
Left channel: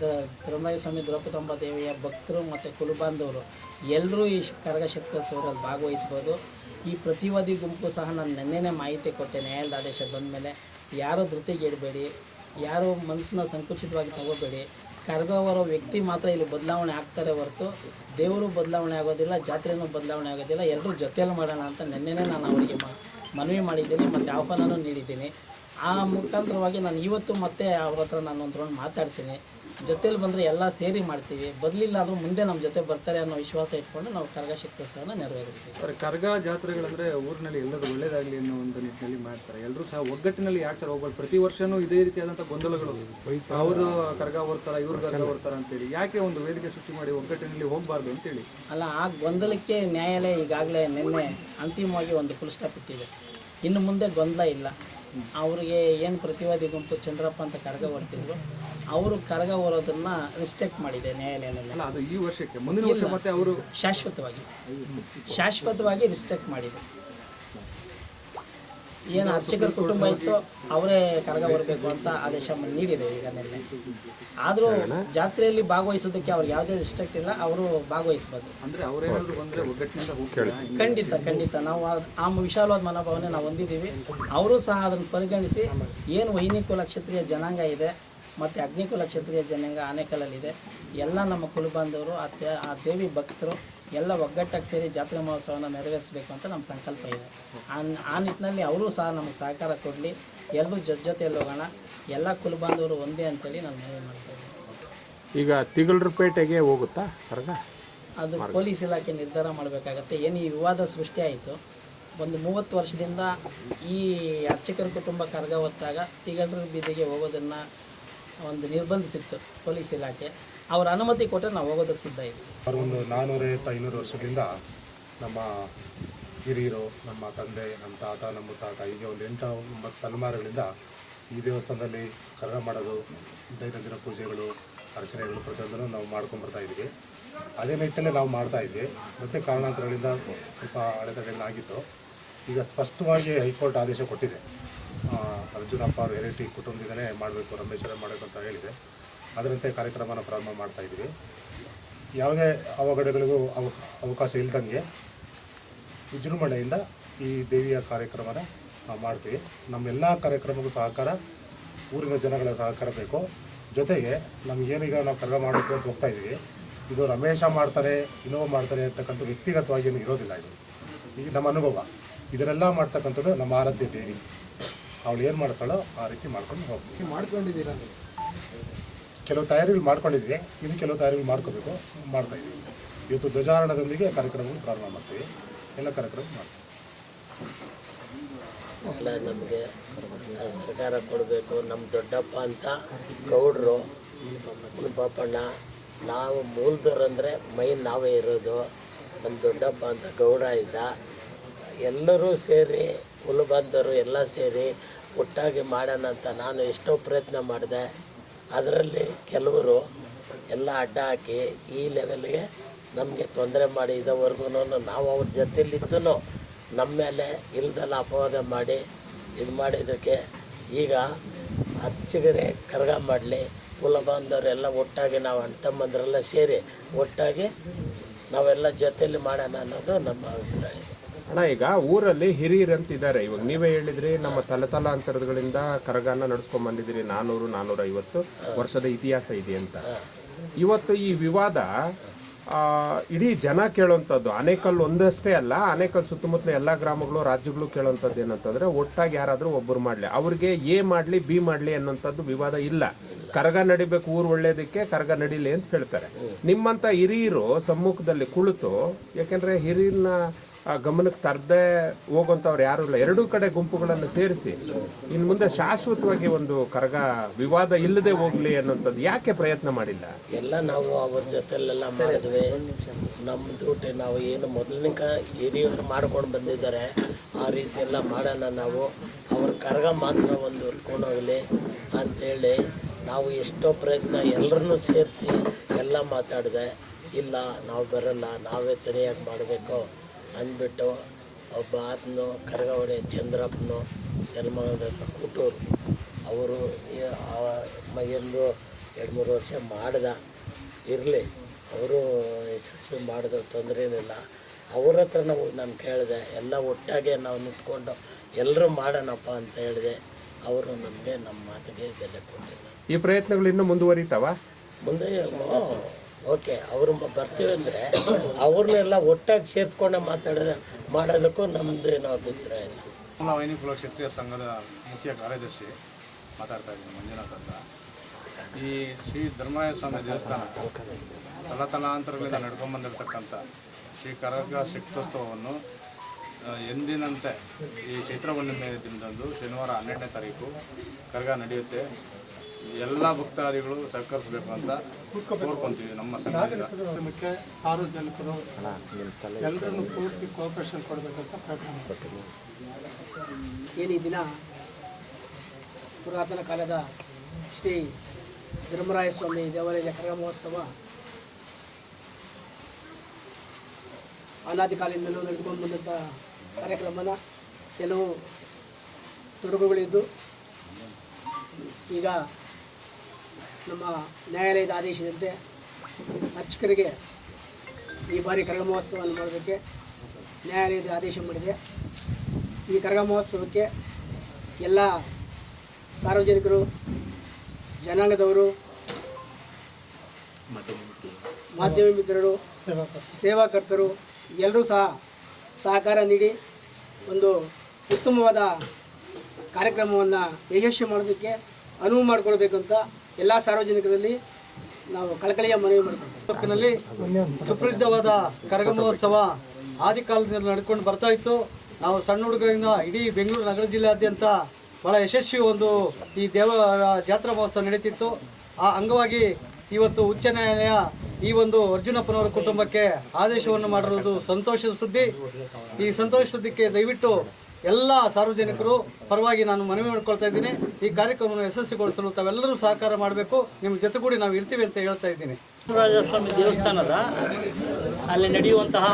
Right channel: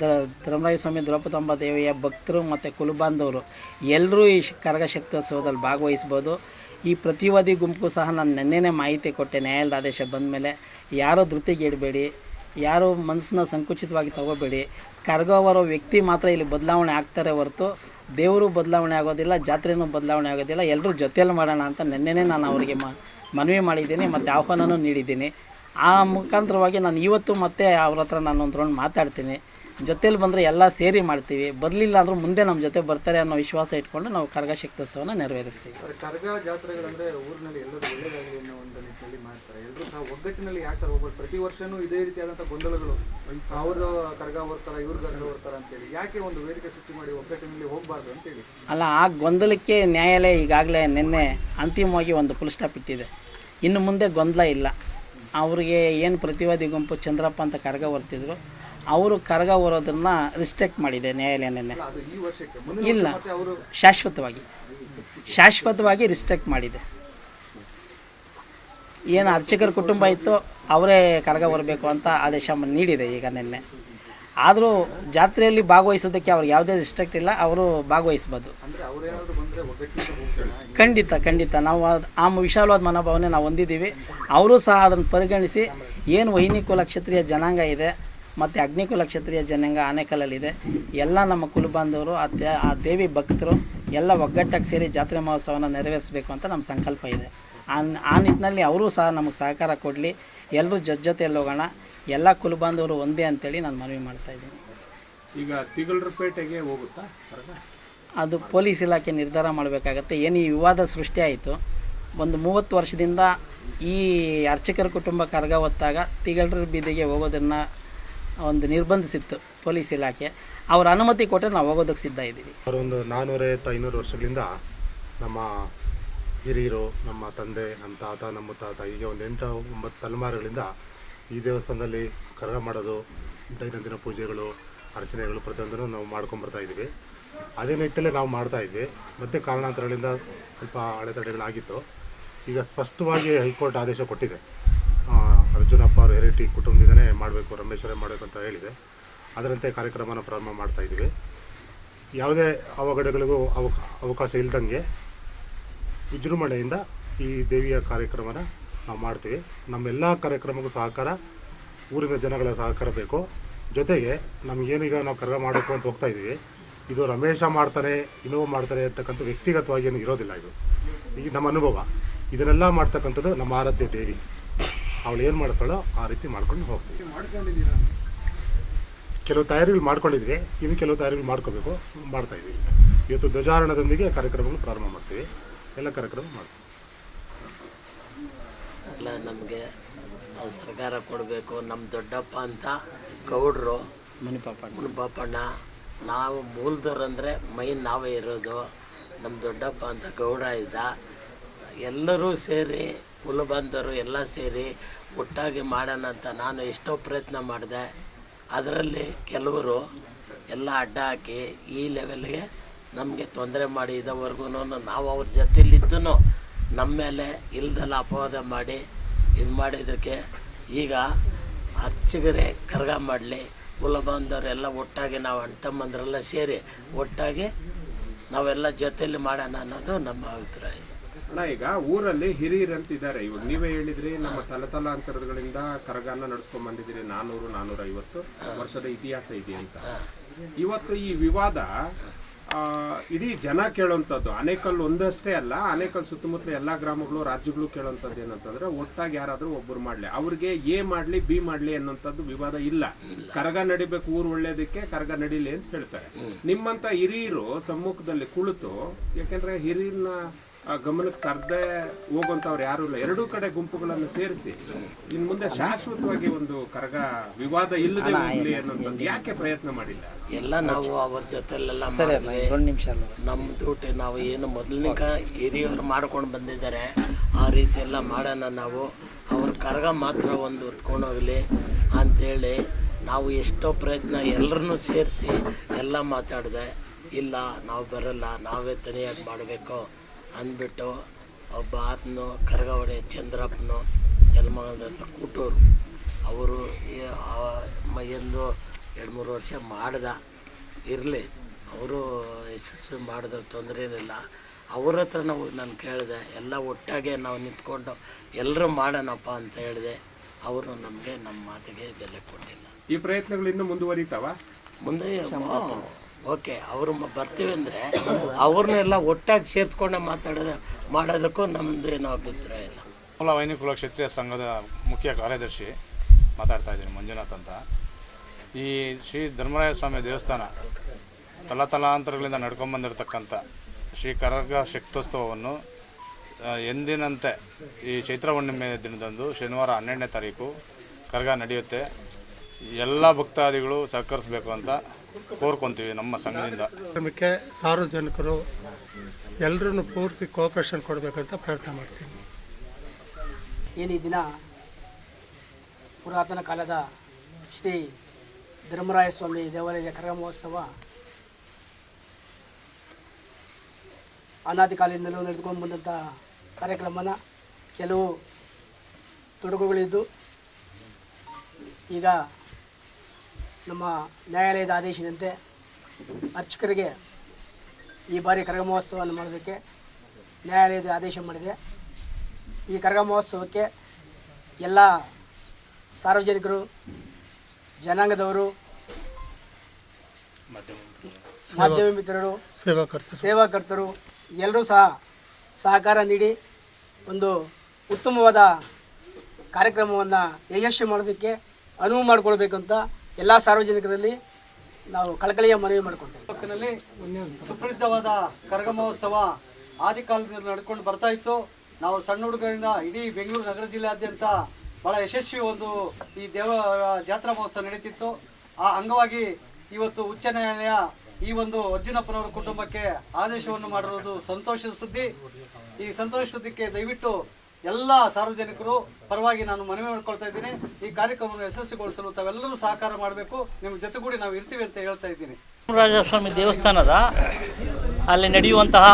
ದ ಧರ್ಮರಾಯ ಸ್ವಾಮಿ ದ್ರೌಪದಮ್ಮ ದೇವಿಯ ಭಕ್ತರು ಮತ್ತು ಕುಲಬಾಂಧವರು. ಎಲ್ಲರೂ ಈ ಕರಗ ಶಕ್ತೋತ್ಸವದಲ್ಲಿ ಭಾಗವಹಿಸ್ಬೋದು. ಈ ಪ್ರತಿವಾದಿ ಗುಂಪು ಸಹ ನಾನು ನೆನ್ನೆನೇ ಮಾಹಿತಿ ಕೊಟ್ಟೆ ನ್ಯಾಯಾಲಯದ ಆದೇಶ ಬಂದ ಮೇಲೆ. ಯಾರೂ ಧೃತಿಗೆಡಬೇಡಿ ಯಾರು ಮನಸ್ಸನ್ನ ಸಂಕುಚಿತವಾಗಿ ತಗೋಬೇಡಿ. ಕರಗವರೋ ವ್ಯಕ್ತಿ ಮಾತ್ರ ಇಲ್ಲಿ ಬದಲಾವಣೆ ಆಗ್ತಾರೆ ಹೊರತು ದೇವರು ಬದಲಾವಣೆ ಆಗೋದಿಲ್ಲ, ಜಾತ್ರೆನೂ ಬದಲಾವಣೆ ಆಗೋದಿಲ್ಲ ಎಲ್ಲರೂ ಜೊತೆಯಲ್ಲಿ ಮಾಡೋಣ ಅಂತ ನೆನ್ನೆನೇ ನಾನು ಅವರಿಗೆ ಮನವಿ ಮಾಡಿದ್ದೀನಿ, ಮತ್ತು ಆಹ್ವಾನನೂ ನೀಡಿದ್ದೀನಿ. ಆ ಮುಖಾಂತರವಾಗಿ ನಾನು ಇವತ್ತು ಮತ್ತೆ ಅವ್ರ ಹತ್ರ ನಾನು ಒಂದು ರೌಂಡ್ ಮಾತಾಡ್ತೀನಿ. ಜೊತೇಲಿ ಬಂದರೆ ಎಲ್ಲ ಸೇರಿ ಮಾಡ್ತೀವಿ. ಬರಲಿಲ್ಲ ಆದರೂ ಮುಂದೆ ನಮ್ಮ ಜೊತೆ ಬರ್ತಾರೆ ಅನ್ನೋ ವಿಶ್ವಾಸ ಇಟ್ಕೊಂಡು ನಾವು ಕರಗ ಶಕ್ತೋತ್ಸವನ ನೆರವೇರಿಸ್ತೀವಿ. ಕರಗ ಜಾತ್ರೆಗಳಂದ್ರೆ ಊರಿನಲ್ಲಿ ಎಲ್ಲರೂ ಒಳ್ಳೆಯದಾಗಲಿ ಅನ್ನೋ ಒಂದು ನಿಟ್ಟಿನಲ್ಲಿ ಮಾಡ್ತಾರೆ. ಎಲ್ಲರೂ ಸಹ ಒಗ್ಗಟ್ಟಿನಲ್ಲಿ ಯಾಕೆ ಸರ್ ಹೋಗ್ಬಾರ್ದು ಪ್ರತಿ ವರ್ಷವೂ ಇದೇ ರೀತಿಯಾದಂಥ ಗೊಂದಲಗಳು ಅವರು ಕರಗ ಬರ್ತಾರ ಇವ್ರು ಕರಗ ಬರ್ತಾರ ಅಂತೇಳಿ ಯಾಕೆ ಒಂದು ವೇದಿಕೆ ಸೃಷ್ಟಿ ಮಾಡಿ ಒಗ್ಗಟ್ಟಿನಲ್ಲಿ ಹೋಗಬಾರ್ದು ಅಂತೇಳಿ ಅಲ್ಲ ಆ ಗೊಂದಲಕ್ಕೆ ನ್ಯಾಯಾಲಯ ಈಗಾಗಲೇ ನಿನ್ನೆ ಅಂತಿಮವಾಗಿ ಒಂದು ಫುಲ್ ಸ್ಟಾಪ್ ಇಟ್ಟಿದೆ. ಇನ್ನು ಮುಂದೆ ಗೊಂದಲ ಇಲ್ಲ. ಅವರಿಗೆ ಏನು ಪ್ರತಿವಾದಿ ಗುಂಪು ಚಂದ್ರಪ್ಪ ಅಂತ ಕರಗ ಹೊರ್ತಿದ್ರು ಅವರು ಕರಗ ಹೊರೋದನ್ನ ರಿಸ್ಟ್ರಿಕ್ಟ್ ಮಾಡಿದೆ ನ್ಯಾಯಾಲಯ ನಿನ್ನೆ ಇಲ್ಲ. ಅವರು ಶಾಶ್ವತವಾಗಿ. ಶಾಶ್ವತವಾಗಿ ರಿಸ್ಟ್ರಿಕ್ಟ್ ಮಾಡಿದೆ. ಏನು ಅರ್ಚಕರ ಕುಟುಂಬ ಇತ್ತು ಅವರೇ ಕರಗ ಬರಬೇಕು ಅಂತ ಆದೇಶ ನೀಡಿದೆ ಈಗ ನಿನ್ನೆ. ಆದರೂ ಜಾತ್ರೆಯಲ್ಲಿ ಭಾಗವಹಿಸೋದಕ್ಕೆ ಅವ್ರಿಗೆ ಯಾವುದೇ ರಿಸ್ಟ್ರಿಕ್ಟ್ ಇಲ್ಲ ಅವರು ಭಾಗವಹಿಸ್ಬೋದು. ಖಂಡಿತ ಖಂಡಿತ. ನಾವು ಆ ವಿಶಾಲವಾದ ಮನೋಭಾವನೆ ನಾವು ಹೊಂದಿದ್ದೀವಿ. ಅವರು ಸಹ ಅದನ್ನು ಪರಿಗಣಿಸಿ ಏನು ವೈನಿಕುಲ ಕ್ಷತ್ರಿಯ ಜನಾಂಗ ಇದೆ ಮತ್ತು ಅಗ್ನಿಕುಲ ಕ್ಷತ್ರಿಯ ಜನಾಂಗ ಆನೆಕಲ್ಲಲ್ಲಿದೆ. ಎಲ್ಲ ನಮ್ಮ ಕುಲಬಾಂಧವರು ಆ ದೇ- ಆ ದೇವಿ ಭಕ್ತರು ಎಲ್ಲ ಒಗ್ಗಟ್ಟಾಗಿ ಸೇರಿ ಜಾತ್ರೆ ಮಹೋತ್ಸವನ ನೆರವೇರಿಸಬೇಕು ಅಂತ ನಮ್ಮ ಸಂಕಲ್ಪ ಇದೆ. ಆ ಆ ನಿಟ್ಟಿನಲ್ಲಿ ಅವರೂ ಸಹ ನಮಗೆ ಸಹಕಾರ ಕೊಡಲಿ. ಎಲ್ಲರೂ ಜೊತೆ ಜೊತೆಯಲ್ಲಿ ಹೋಗೋಣ. ಎಲ್ಲ ಕುಲಬಾಂಧವರು ಒಂದೇ ಅಂತೇಳಿ ನಾನು ಮನವಿ ಮಾಡ್ತಾ ಇದ್ದೀನಿ. ಈಗ ತಿಗಳರಪೇಟೆಗೆ ಹೋಗುತ್ತಾ? ಹೊರಗ ಅದು ಪೊಲೀಸ್ ಇಲಾಖೆ ನಿರ್ಧಾರ ಮಾಡಬೇಕಾಗತ್ತೆ. ಏನು ಈ ವಿವಾದ ಸೃಷ್ಟಿ ಆಯಿತು ಒಂದು ಮೂವತ್ತು ವರ್ಷದಿಂದ ಈ ಅರ್ಚಕರ ಕುಟುಂಬ ಕರಗ ಹೊತ್ತಾಗ ತಿಗಳರ ಬೀದಿಗೆ ಹೋಗೋದನ್ನು ಒಂದು ನಿರ್ಬಂಧಿಸಿತ್ತು ಪೊಲೀಸ್ ಇಲಾಖೆ. ಅವರ ಅನುಮತಿ ಕೊಟ್ಟರೆ ನಾವು ಹೋಗೋದಕ್ಕೆ ಸಿದ್ಧ ಇದ್ದೀವಿ. ಒಂದು ನಾನ್ನೂರೈವತ್ತು ಐನೂರು ವರ್ಷಗಳಿಂದ ನಮ್ಮ ಹಿರಿಯರು, ನಮ್ಮ ತಂದೆ, ನಮ್ಮ ತಾತ ನಮ್ಮ ತಾತ ಹೀಗೆ ಒಂದು ಎಂಟು, ಒಂಬತ್ತು ತಲೆಮಾರುಗಳಿಂದ ಈ ದೇವಸ್ಥಾನದಲ್ಲಿ ಕರಗ ಮಾಡೋದು ದೈನಂದಿನ ಪೂಜೆಗಳು, ಅರ್ಚನೆಗಳು ಪ್ರತಿಯೊಂದನ್ನು ನಾವು ಮಾಡ್ಕೊಂಬರ್ತಾ ಇದ್ದೀವಿ. ಅದೇ ನಿಟ್ಟಲ್ಲೇ ನಾವು ಮಾಡ್ತಾ ಇದ್ವಿ. ಮತ್ತು ಕಾರಣಾಂತರಗಳಿಂದ ಸ್ವಲ್ಪ ಅಡೆತಡೆಗಳಾಗಿತ್ತು. ಈಗ ಸ್ಪಷ್ಟವಾಗಿ ಹೈಕೋರ್ಟ್ ಆದೇಶ ಕೊಟ್ಟಿದೆ. ಅರ್ಜುನಪ್ಪ ಅವರು ಹೆರಿಟಿ ಕುಟುಂಬದಿಂದನೇ ಮಾಡಬೇಕು, ರಮೇಶ್ವರೇ ಮಾಡಬೇಕು ಅಂತ ಹೇಳಿದೆ. ಅದರಂತೆ ಕಾರ್ಯಕ್ರಮನ ಪ್ರಾರಂಭ ಮಾಡ್ತಾ ಇದ್ದೀವಿ. ಯಾವುದೇ ಅವಘಡಗಳಿಗೂ ಅವ, ಅವಕಾಶ ಇಲ್ದಂಗೆ ವಿಜೃಂಭಣೆಯಿಂದ ಈ ದೇವಿಯ ಕಾರ್ಯಕ್ರಮನ ನಾವು ಮಾಡ್ತೀವಿ. ನಮ್ಮೆಲ್ಲ ಕಾರ್ಯಕ್ರಮಕ್ಕೂ ಸಹಕಾರ, ಊರಿನ ಜನಗಳ ಸಹಕಾರ ಬೇಕು. ಜೊತೆಗೆ ನಮಗೇನೀಗ ನಾವು ಕರ್ಗ ಮಾಡಬೇಕು ಅಂತ ಹೋಗ್ತಾ ಇದ್ದೀವಿ. ಇದು ರಮೇಶ ಮಾಡ್ತಾರೆ ಇನ್ನೊಬ್ಬ ಮಾಡ್ತಾರೆ ಅಂತಕ್ಕಂಥ ವ್ಯಕ್ತಿಗತವಾಗಿ ಏನು ಇರೋದಿಲ್ಲ ಇದು. ಈಗ ನಮ್ಮ ಅನುಭವ. ಇದನ್ನೆಲ್ಲ ಮಾಡ್ತಕ್ಕಂಥದ್ದು ನಮ್ಮ ಆರಾಧ್ಯ ದೇವಿ. ಅವಳು ಏನು ಮಾಡಿಸ್ತಾಳೋ ಆ ರೀತಿ ಮಾಡ್ಕೊಂಡು ಹೋಗ್ತೀವಿ ಮಾಡ್ಕೊಂಡಿದ್ದೀರಾ ಕೆಲವು ತಯಾರಿಗಳು ಮಾಡ್ಕೊಂಡಿದ್ವಿ. ಇನ್ನು ಕೆಲವು ತಯಾರಿಗಳು ಮಾಡ್ಕೋಬೇಕು ಮಾಡ್ತಾ ಇದ್ದೀವಿ. ಇವತ್ತು ಧ್ವಜಾರೋಹಣದೊಂದಿಗೆ ಕಾರ್ಯಕ್ರಮಗಳು ಪ್ರಾರಂಭ ಮಾಡ್ತೀವಿ. ಎಲ್ಲ ಕಾರ್ಯಕ್ರಮ ಮಾಡ್ತೀವಿ. ನಮಗೆ ಸರ್ಕಾರ ಕೊಡಬೇಕು. ನಮ್ಮ ದೊಡ್ಡಪ್ಪ ಅಂತ ಗೌಡ್ರು. ಮುನಿಪಾಪಣ್ಣ. ನಾವು ನಾವು ಮೂಲದವ್ರಂದರೆ ಮೈನ್ ನಾವೇ ಇರೋದು. ನಮ್ಮ ದೊಡ್ಡಪ್ಪ ಅಂತ ಗೌಡ ಇದ್ದ. ಎಲ್ಲರೂ ಸೇರಿ ಕುಲಬಂಧರು ಎಲ್ಲ ಸೇರಿ ಒಟ್ಟಾಗಿ ಮಾಡೋಣ ಅಂತ ನಾನು ಎಷ್ಟೋ ಪ್ರಯತ್ನ ಮಾಡಿದೆ. ಅದರಲ್ಲಿ ಕೆಲವರು ಎಲ್ಲ ಅಡ್ಡ ಹಾಕಿ ಈ ಲೆವೆಲ್ಗೆ ನಮಗೆ ತೊಂದರೆ ಮಾಡಿ ಇದುವರೆಗೂ ನಾವು ಅವ್ರ ಜೊತೆಲಿದ್ದೂ ನಮ್ಮ ಮೇಲೆ ಇಲ್ದೆಲ್ಲ ಅಪವಾದ ಮಾಡಿ ಇದು ಮಾಡಿದ್ದಕ್ಕೆ ಈಗ ಅಚ್ಚಿಗರೆ ಕರ್ಗ ಮಾಡಲಿ. ಕುಲ ಬಾಂಧವರೆಲ್ಲ ಒಟ್ಟಾಗಿ ನಾವು ಅಣ್ಣ ತಮ್ಮಂದರೆಲ್ಲ ಸೇರಿ ಒಟ್ಟಾಗಿ ನಾವೆಲ್ಲ ಜೊತೆಯಲ್ಲಿ ಮಾಡೋಣ ಅನ್ನೋದು ನಮ್ಮ ಅಭಿಪ್ರಾಯ. ಅಣ್ಣ, ಈಗ ಊರಲ್ಲಿ ಹಿರಿಯರು ಅಂತ ಇದ್ದಾರೆ ಇವಾಗ ನೀವೇ ಹೇಳಿದ್ರಿ, ನಮ್ಮ ತಲೆತಲಾಂತರಗಳಿಂದ ಕರಗಾನ ನಡ್ಸ್ಕೊಂಡ್ ಬಂದಿದ್ದೀರಿ. ನಾನೂರು ನಾನೂರ ಐವತ್ತು ವರ್ಷದ ಇತಿಹಾಸ ಇದೆ ಅಂತ. ಇವತ್ತು ಈ ವಿವಾದ ಇಡೀ ಜನ ಕೇಳೋಂಥದ್ದು ಅನೇಕಲ್ ಒಂದಷ್ಟೇ ಅಲ್ಲ ಅನೇಕಲ್ ಸುತ್ತಮುತ್ತಲ ಎಲ್ಲಾ ಗ್ರಾಮಗಳು, ರಾಜ್ಯಗಳು ಕೇಳೋಂಥದ್ದು ಏನಂತಂದ್ರೆ ಒಟ್ಟಾಗಿ ಯಾರಾದರೂ ಒಬ್ಬರು ಮಾಡ್ಲಿ. ಅವ್ರಿಗೆ ಎ ಮಾಡ್ಲಿ, ಬಿ ಮಾಡ್ಲಿ ಅನ್ನೋಂಥದ್ದು ವಿವಾದ ಇಲ್ಲ. ಕರಗ ನಡಿಬೇಕು, ಊರು ಒಳ್ಳೇದಕ್ಕೆ ಕರಗ ನಡೀಲಿ ಅಂತ ಹೇಳ್ತಾರೆ. ನಿಮ್ಮಂತ ಹಿರಿಯರು ಸಮ್ಮುಖದಲ್ಲಿ ಕುಳಿತು, ಯಾಕಂದ್ರೆ ಹಿರಿಯರನ್ನ ಆ ಗಮನಕ್ಕೆ ತರದೆ ಹೋಗುವಂತವ್ರು ಯಾರು ಇಲ್ಲ. ಎರಡೂ ಕಡೆ ಗುಂಪುಗಳನ್ನು ಸೇರಿಸಿ ಇನ್ನು ಮುಂದೆ ಶಾಶ್ವತವಾಗಿ ಒಂದು ಕರಗ ವಿವಾದ ಇಲ್ಲದೆ ಹೋಗ್ಲಿ ಅನ್ನೋಂಥದ್ದು ಯಾಕೆ ಪ್ರಯತ್ನ ಮಾಡಿಲ್ಲ? ಎಲ್ಲ ನಾವು ಅವ್ರ ಜೊತೆಲೆಲ್ಲ ಮಾಡಿದ್ವಿ ನಿಮಿಷ ನಮ್ಮ ಜೊತೆ ನಾವು ಏನು ಮೊದಲಿನ ಹಿರಿಯರು ಮಾಡ್ಕೊಂಡು ಬಂದಿದ್ದಾರೆ ಆ ರೀತಿ ಎಲ್ಲ ಮಾಡೋಣ ನಾವು. ಅವ್ರ ಕರಗ ಮಾತ್ರ ಒಂದು ಹೊತ್ಕೊಂಡು ಹೋಗಲಿ ಅಂಥೇಳಿ ನಾವು ಎಷ್ಟೋ ಪ್ರಯತ್ನ ಎಲ್ಲರನ್ನೂ ಸೇರಿಸಿ ಎಲ್ಲ ಮಾತಾಡಿದೆ. ಇಲ್ಲ ನಾವು ಬರಲ್ಲ ನಾವೇ ತನಿಯಾಗಿ ಮಾಡಬೇಕು. ಅಂದ್ಬಿಟ್ಟು ಒಬ್ಬ ಆತನು ಕರಗವಡೆ ಚಂದ್ರಪ್ಪನು ಜನ್ಮಗಳ ಕೂಟೂರು ಅವರು ಎಂದು ಎರಡು ಮೂರು ವರ್ಷ ಮಾಡ್ದ. ಇರಲಿ ಅವರು ಯಶಸ್ವಿ ಮಾಡಿದ ತೊಂದರೆ ಏನಿಲ್ಲ. ಅವ್ರ ಹತ್ರ ನಾವು ನಾನು ಕೇಳಿದೆ ಎಲ್ಲ ಒಟ್ಟಾಗೆ ನಾವು ನಿಂತ್ಕೊಂಡು ಎಲ್ಲರೂ ಮಾಡೋಣಪ್ಪ ಅಂತ ಹೇಳಿದೆ. ಅವರು ನಮಗೆ ನಮ್ಮ ಮಾತಿಗೆ ಬೆಲೆ ಕೊಟ್ಟಿಲ್ಲ. ಈ ಪ್ರಯತ್ನಗಳು ಇನ್ನೂ ಮುಂದುವರಿತಾವ? ಮುಂದೆ ಓಕೆ, ಅವರು ಬರ್ತೀವಿ ಅಂದರೆ ಅವ್ರನ್ನೆಲ್ಲ ಒಟ್ಟಾಗಿ ಸೇರಿಸ್ಕೊಂಡು ಮಾತಾಡೋದು, ಮಾಡೋದಕ್ಕೂ ನಮ್ಮದು ಏನೋ ಅಭಿಪ್ರಾಯ ಇಲ್ಲ. ಕುಲ ವೈನಿಕುಲ ಕ್ಷತ್ರಿಯ ಸಂಘದ ಮುಖ್ಯ ಕಾರ್ಯದರ್ಶಿ ಮಾತಾಡ್ತಾ ಇದ್ದೀನಿ, ಮಂಜುನಾಥ್ ಅಂತ. ಈ ಶ್ರೀ ಧರ್ಮರಾಯ ಸ್ವಾಮಿ ದೇವಸ್ಥಾನ ತಲತಲಾಂತರಗಳಿಂದ ನಡ್ಕೊಂಬಂದಿರತಕ್ಕಂಥ ಶ್ರೀ ಕರಗ ಶಕ್ತೋತ್ಸವವನ್ನು ಎಂದಿನಂತೆ ಈ ಚೈತ್ರ ಹುಣ್ಣಿಮೆ ದಿನದಂದು ಶನಿವಾರ ಹನ್ನೆರಡನೇ ತಾರೀಕು ಕರಗ ನಡೆಯುತ್ತೆ. ಎಲ್ಲ ಭಕ್ತಾದಿಗಳು ಸಹಕರಿಸಬೇಕು ಅಂತ ಕೋರ್ಕೊಂತೀವಿ ನಮ್ಮ ಸಂಘದಿಂದ. ನಮಗೆ ಸಾರ್ವಜನಿಕರು ಎಲ್ಲರನ್ನು ಪೂರ್ತಿ ಕೋಪರೇಷನ್ ಕೊಡಬೇಕಂತ ಪ್ರಯತ್ನ ಮಾಡ್ತೀವಿ. ಏನು ಈ ದಿನ ಪುರಾತನ ಕಾಲದ ಶ್ರೀ ಧರ್ಮರಾಯ ಸ್ವಾಮಿ ದೇವಾಲಯದ ಕರಗ ಮಹೋತ್ಸವ ಅನಾದಿ ಕಾಲದಿಂದಲೂ ನಡೆದುಕೊಂಡು ಬಂದಂಥ ಕಾರ್ಯಕ್ರಮನ ಕೆಲವು ತೊಡಕುಗಳಿದ್ದು ಈಗ ನಮ್ಮ ನ್ಯಾಯಾಲಯದ ಆದೇಶದಂತೆ ಅರ್ಚಕರಿಗೆ ಈ ಬಾರಿ ಕರಗ ಮಹೋತ್ಸವವನ್ನು ಮಾಡೋದಕ್ಕೆ ನ್ಯಾಯಾಲಯದ ಆದೇಶ ಮಾಡಿದೆ. ಈ ಕರಗ ಮಹೋತ್ಸವಕ್ಕೆ ಎಲ್ಲ ಸಾರ್ವಜನಿಕರು ಜನಾಂಗದವರು ಮಾಧ್ಯಮ ಮಿತ್ರರು ಸೇವಾಕರ್ತರು ಎಲ್ಲರೂ ಸಹ ಸಹಕಾರ ನೀಡಿ ಒಂದು ಉತ್ತಮವಾದ ಕಾರ್ಯಕ್ರಮವನ್ನು ಯಶಸ್ವಿ ಮಾಡೋದಕ್ಕೆ ಅನುವು ಮಾಡಿಕೊಡ್ಬೇಕಂತ ಎಲ್ಲ ಸಾರ್ವಜನಿಕರಲ್ಲಿ ನಾವು ಕಳಕಳಿಯ ಮನವಿ ಮಾಡಿಕೊಡ್ತೇವೆ. ತಾಲೂಕಿನಲ್ಲಿ ಸುಪ್ರಸಿದ್ಧವಾದ ಕರಗ ಮಹೋತ್ಸವ ಆದಿ ಕಾಲದಿಂದ ನಡ್ಕೊಂಡು ಬರ್ತಾ ಇತ್ತು. ನಾವು ಸಣ್ಣ ಹುಡುಗರಿಂದ ಇಡೀ ಬೆಂಗಳೂರು, ನಗರ ಜಿಲ್ಲೆಯಾದ್ಯಂತ ಬಹಳ ಯಶಸ್ವಿ ಒಂದು ಈ ದೇವ, ಜಾತ್ರಾ ಮಹೋತ್ಸವ ನಡೀತಿತ್ತು. ಆ ಅಂಗವಾಗಿ ಇವತ್ತು ಉಚ್ಚ ನ್ಯಾಯಾಲಯ ಈ ಒಂದು ಅರ್ಜುನಪ್ಪನವರ ಕುಟುಂಬಕ್ಕೆ ಆದೇಶವನ್ನು ಮಾಡಿರುವುದು ಸಂತೋಷದ ಸುದ್ದಿ. ಈ ಸಂತೋಷ ಸುದ್ದಿಗೆ ದಯವಿಟ್ಟು ಎಲ್ಲ ಸಾರ್ವಜನಿಕರು ಪರವಾಗಿ ನಾನು ಮನವಿ ಮಾಡ್ಕೊಳ್ತಾ ಇದ್ದೀನಿ. ಈ ಕಾರ್ಯಕ್ರಮವನ್ನು ಯಶಸ್ವಿಗೊಳಿಸಲು ತಾವೆಲ್ಲರೂ ಸಹಕಾರ ಮಾಡಬೇಕು. ನಿಮ್ಮ ಜೊತೆಗೂಡಿ ನಾವು ಇರ್ತೀವಿ ಅಂತ ಹೇಳ್ತಾ ಇದ್ದೀನಿ. ರಾಜಸ್ವಾಮಿ ದೇವಸ್ಥಾನದ ಅಲ್ಲಿ ನಡೆಯುವಂತಹ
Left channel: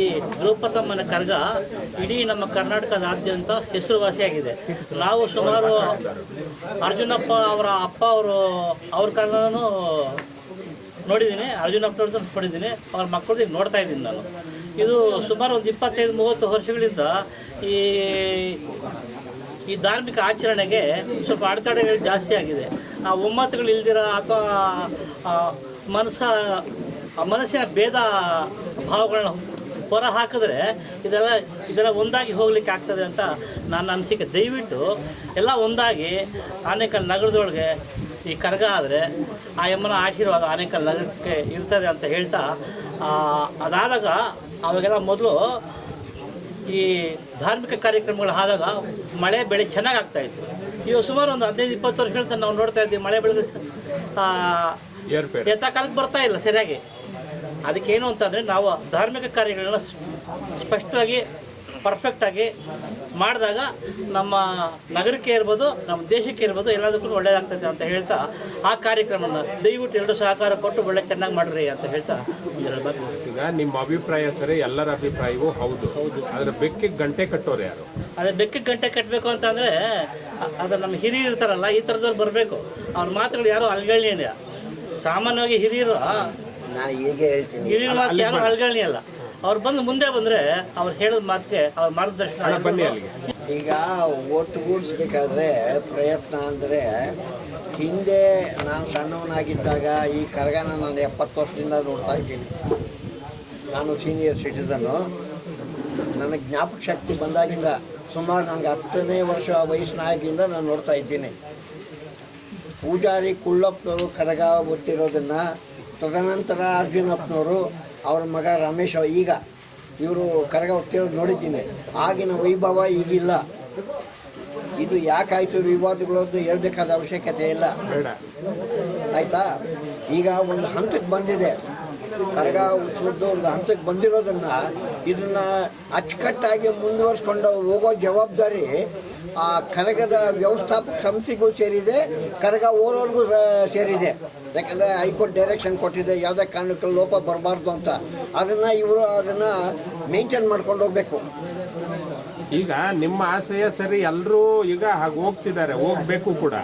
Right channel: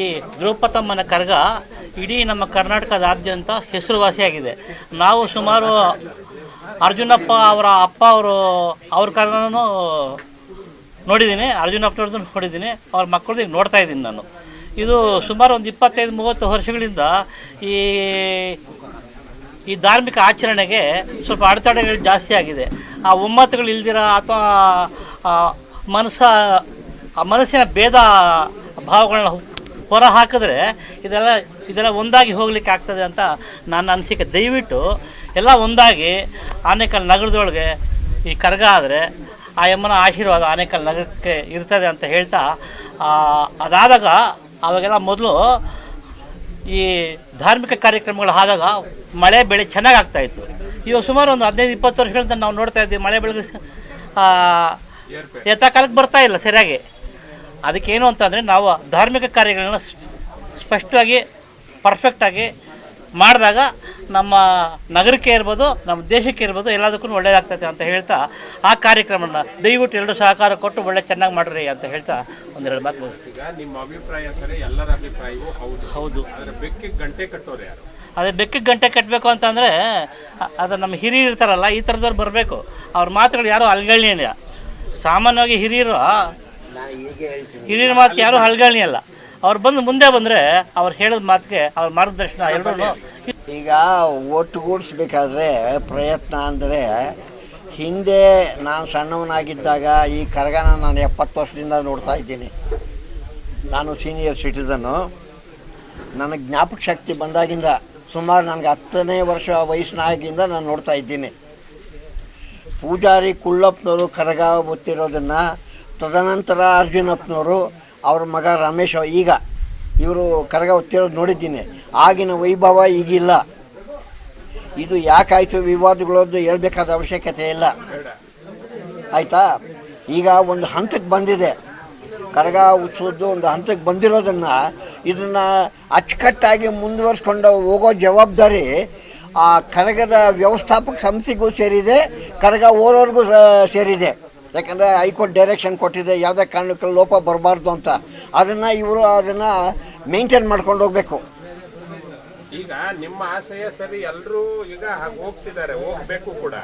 ಈ ದ್ರೌಪದಮ್ಮನ ಕರ್ಗ ಇಡೀ ನಮ್ಮ ಕರ್ನಾಟಕದಾದ್ಯಂತ ಹೆಸರುವಾಸಿಯಾಗಿದೆ. ನಾವು ಸುಮಾರು ಅರ್ಜುನಪ್ಪ ಅವರ ಅಪ್ಪ ಅವರು, ಅವ್ರ ಕರ್ಗನೂ ನೋಡಿದ್ದೀನಿ. ಅರ್ಜುನಪ್ಪನವ್ರದ್ದು ನೋಡಿದ್ದೀನಿ. ಅವ್ರ ಮಕ್ಕಳದ್ದು ನೋಡ್ತಾ ಇದ್ದೀನಿ ನಾನು. ಇದು ಸುಮಾರು ಒಂದು ಇಪ್ಪತ್ತೈದು, ಮೂವತ್ತು ವರ್ಷಗಳಿಂದ ಈ ಈ ಧಾರ್ಮಿಕ ಆಚರಣೆಗೆ ಸ್ವಲ್ಪ ಅಡೆತಡೆಗಳು ಜಾಸ್ತಿ ಆಗಿದೆ. ಆ ಒಮ್ಮತಗಳು ಇಲ್ದಿರ ಅಥವಾ ಮನಸ್ಸ ಮನಸ್ಸಿನ ಭೇದ ಭಾವಗಳನ್ನ ಹೊರ ಹಾಕಿದ್ರೆ ಇದೆಲ್ಲ ಇದೆಲ್ಲ ಒಂದಾಗಿ ಹೋಗ್ಲಿಕ್ಕೆ ಆಗ್ತದೆ ಅಂತ ನನ್ನ ಅನಿಸಿಕೆ. ದಯವಿಟ್ಟು ಎಲ್ಲ ಒಂದಾಗಿ ಆನೇಕಲ್ ನಗರದೊಳಗೆ ಈ ಕರ್ಗ ಆದರೆ ಆ ಯಮ್ಮನ ಆಶೀರ್ವಾದ ಆನೇಕಲ್ ನಗರಕ್ಕೆ ಇರ್ತದೆ ಅಂತ ಹೇಳ್ತಾ ಅದಾದಾಗ ಅವಾಗೆಲ್ಲ ಮೊದಲು ಈ ಧಾರ್ಮಿಕ ಕಾರ್ಯಕ್ರಮಗಳು ಆದಾಗ ಮಳೆ ಬೆಳೆ ಚೆನ್ನಾಗಿ ಆಗ್ತಾಯಿತ್ತು ಇವಾಗ ಸುಮಾರು ಒಂದು ಹದಿನೈದು, ಇಪ್ಪತ್ತು ವರ್ಷಗಳಿಂದ ನಾವು ನೋಡ್ತಾ ಇದ್ದೀವಿ ಮಳೆ ಬೆಳೆ ಯಥಾಕಾಲಕ್ಕೆ ಬರ್ತಾ ಇಲ್ಲ ಸರಿಯಾಗಿ. ಅದಕ್ಕೇನು ಅಂತಂದರೆ ನಾವು ಧಾರ್ಮಿಕ ಕಾರ್ಯಗಳನ್ನ ಸ್ಪಷ್ಟವಾಗಿ ಪರ್ಫೆಕ್ಟಾಗಿ ಮಾಡಿದಾಗ ನಮ್ಮ ನಗರಕ್ಕೆ ಇರ್ಬೋದು ನಮ್ಮ ದೇಶಕ್ಕೆ ಇರ್ಬೋದು ಎಲ್ಲದಕ್ಕೂ ಒಳ್ಳೆಯದಾಗ್ತದೆ ಅಂತ ಹೇಳ್ತಾ ಆ ಕಾರ್ಯಕ್ರಮನ ದಯವಿಟ್ಟು ಎಲ್ಲರೂ ಸಹಕಾರ ಕೊಟ್ಟು ಒಳ್ಳೆ ಚೆನ್ನಾಗಿ ಮಾಡ್ರಿ ಅಂತ ಹೇಳ್ತಾ ಒಂದೆರಡು ಮಾತು. ಈಗ ನಿಮ್ಮ ಅಭಿಪ್ರಾಯ ಸರಿ ಎಲ್ಲರ ಅಭಿಪ್ರಾಯವೂ ಹೌದು. ಹೌದು. ಅದ್ರ ಬೆಕ್ಕಿಗೆ ಗಂಟೆ ಕಟ್ಟೋರು ಯಾರು? ಅದೇ ಬೆಕ್ಕಿಗೆ ಗಂಟೆ ಕಟ್ಟಬೇಕು ಅಂತಂದರೆ ಅದು ನಮ್ಮ ಹಿರಿಯರು ಇರ್ತಾರಲ್ಲ ಈ ಥರದವ್ರು ಬರಬೇಕು. ಅವ್ರ ಮಾತುಗಳು ಯಾರೂ ಅಲ್ಗಳ್ಳಿ ಸಾಮಾನ್ಯವಾಗಿ ಹಿರಿಯರು ನಾನು ಈಗ ಹೇಳ್ತೀನಿ. ಹಿರಿಯರ ಮಾತು ಯಾರೂ ಅಲ್ಗಳ್ಳಿ ಅಲ್ಲ ಅವ್ರು ಬಂದು ಮುಂದೆ ಬಂದರೆ ಅವ್ರು ಹೇಳಿದ ಮಾತಿಗೆ ಅವ್ರ ಮಾರ್ಗದರ್ಶನ ಈಗ ಒಟ್ಟುಗೂಡಿಸ್ಬೇಕಾದ್ರೆ ಪ್ರಯತ್ನ ಅಂದರೆ ಹಿಂದೆ ನಾನು ಸಣ್ಣವನಾಗಿದ್ದಾಗ ಈ ಕರಗನ ನಾನು ಎಪ್ಪತ್ತು ವರ್ಷದಿಂದ ನೋಡ್ತಾ ಇದ್ದೀನಿ. ನಾನು ಸೀನಿಯರ್ ಸಿಟಿಸನ್ನು ನನಗೆ ಜ್ಞಾಪಕ ಶಕ್ತಿ ಬಂದಾಗಿಂದ ಸುಮಾರು ನನಗೆ ಹತ್ತನೇ ವರ್ಷ ವಯಸ್ಸಿನಾಗಿಂದ ನಾನು ನೋಡ್ತಾ ಇದ್ದೀನಿ. ಪೂಜಾರಿ ಕುಳ್ಳಪ್ಪನವರು ಕರಗ ಗೊತ್ತಿರೋದನ್ನು ತದನಂತರ ಅರ್ಜುನಪ್ಪನವರು ಅವ್ರ ಮಗ ರಮೇಶ್, ಈಗ ಇವರು ಕರಗ ಹೊತ್ತಿರೋದು ನೋಡಿದ್ದೀನಿ. ಆಗಿನ ವೈಭವ ಈಗಿಲ್ಲ. ಇದು ಯಾಕಾಯಿತು ವಿವಾದಗಳದ್ದು ಹೇಳ್ಬೇಕಾದ ಅವಶ್ಯಕತೆ ಇಲ್ಲ. ಆಯಿತಾ? ಈಗ ಒಂದು ಹಂತಕ್ಕೆ ಬಂದಿದೆ. ಕರಗ ಉತ್ಸವದ್ದು ಒಂದು ಹಂತಕ್ಕೆ ಬಂದಿರೋದನ್ನು ಇದನ್ನು ಅಚ್ಚುಕಟ್ಟಾಗಿ ಮುಂದುವರ್ಸ್ಕೊಂಡು ಹೋಗೋ ಜವಾಬ್ದಾರಿ ಆ ಕರಗದ ವ್ಯವಸ್ಥಾಪಕ ಸಂಸ್ಥೆಗೂ ಸೇರಿದೆ, ಕರಗ ಓರೋರ್ಗೂ ಸೇರಿದೆ. ಯಾಕಂದರೆ ಹೈಕೋರ್ಟ್ ಡೈರೆಕ್ಷನ್ ಕೊಟ್ಟಿದೆ, ಯಾವುದೇ ಕಾರಣಕ್ಕೆ ಲೋಪ ಬರಬಾರ್ದು ಅಂತ. ಅದನ್ನು ಇವರು ಅದನ್ನು ಮೇಂಟೈನ್ ಮಾಡ್ಕೊಂಡು ಹೋಗಬೇಕು. ಈಗ ನಿಮ್ಮ ಆಸೆಯ ಸರಿ ಎಲ್ಲರೂ ಈಗ ಹಾಗೆ ಹೋಗ್ತಿದ್ದಾರೆ ಹೋಗ್ಬೇಕು ಕೂಡ.